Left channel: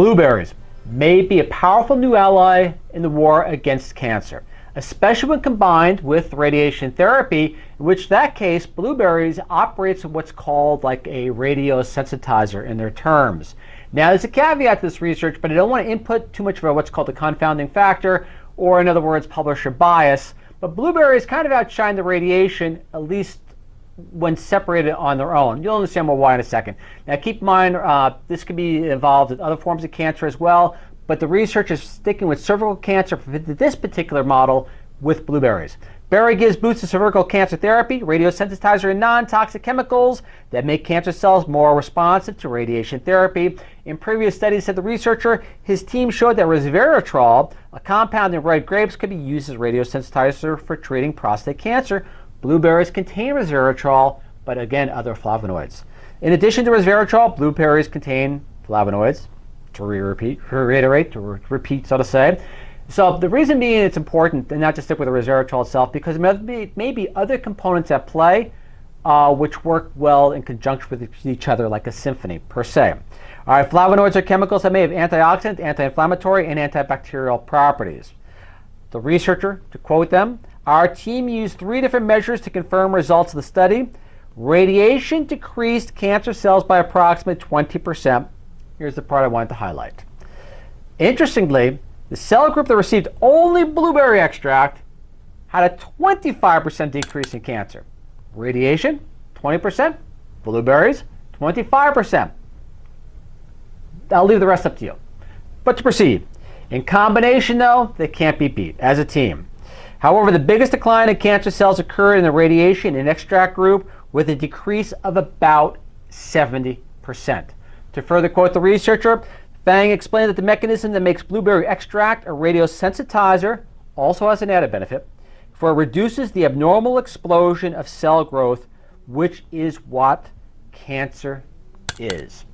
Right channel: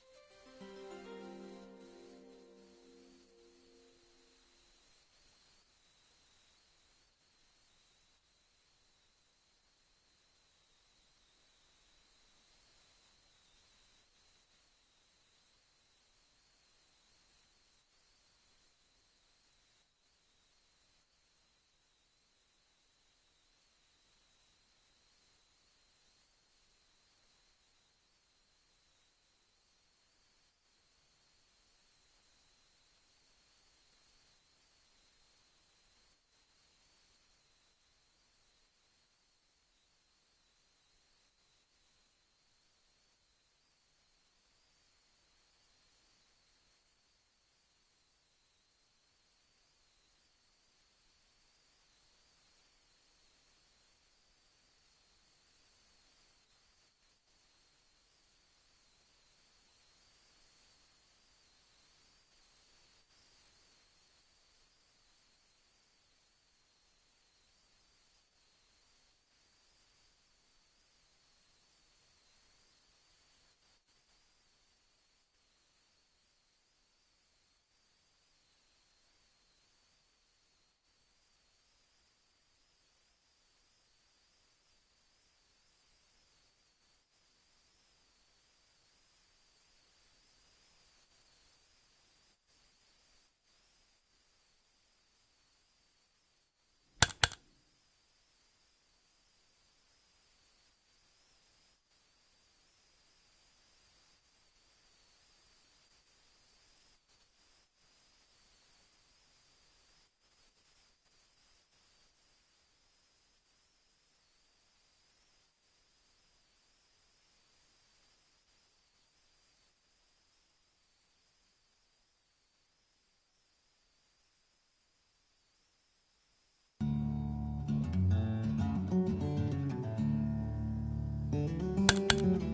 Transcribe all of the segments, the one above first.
Blueberries may be a powerful new ally in the war against cancer, especially when combined with radiation therapy, in which that case, blueberries operates in what's called like a radiosensitizer in their terms. Now, there's a caveat to this research, but I don't want to input too much of what's called a confounding factor, or in other words, publisher bias. But blueberries kind of outshine the radiation, at least when separated on their own. You'll understand more why in a second. Now, keep in mind, this could be involved in other forms of cancer as well, but the research is sticking with cervical cancer for this particular model with blueberries. Berry gives boosts to cervical cancer therapy, radiosensitizer, and non-toxic chemicals that make cancer cells more responsive to radiation therapy. In previous studies, said the researcher, his team showed that resveratrol, a compound in red grapes, could be used as radiosensitizer for treating prostate cancer. Blueberries contain resveratrol, but again, other flavonoids. In addition to resveratrol, blueberries contain flavonoids, to repeat, so to say. So the reason being it's important, and not just stick with the resveratrol itself, because there may be other components at play which work well in conjunction with each other like a symphony per se. All right, flavonoids are chemicals that may have antioxidant, anti-inflammatory, and antibacterial properties. The researcher, to quote them, our team used 3 different measures to confirm results of the study. Radiation decreased cancer cells by approximately 20%. Here's the part I wanted to highlight. Interestingly, the cell group that received only blueberry extract had a 25% decrease in cancer. Radiation, 20%. Blueberries, 25%. I'll leave the rest up to you. But to proceed. In combination, though, they can't be beat as a team. However, the biggest decline in cancer cells occurred in the radiation and extract group with a decrease of about 70%. To further quote the researcher, Fang explained that the mechanism that makes blueberry extract a radiosensitizer also has an added benefit, for it reduces the abnormal explosion of cell growth, which is what cancer is.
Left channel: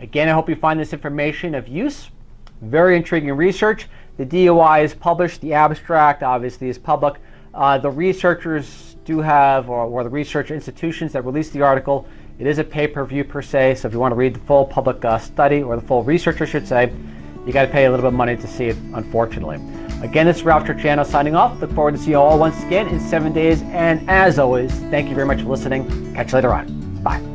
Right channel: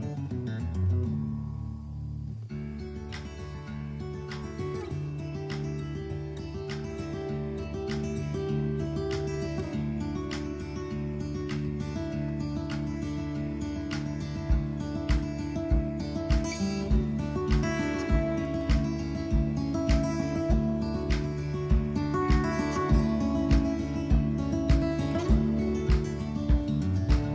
Again, I hope you find this information of use. Very intriguing research. The DOI is published. The abstract, obviously, is public. The researchers do have, or the research institutions that released the article, it is a pay-per-view per se, so if you want to read the full public study, or the full research, I should say, you got to pay a little bit of money to see it, unfortunately. Again, this is Ralph Turchiano signing off. Look forward to seeing you all once again in 7 days. And as always, thank you very much for listening. Catch you later on. Bye.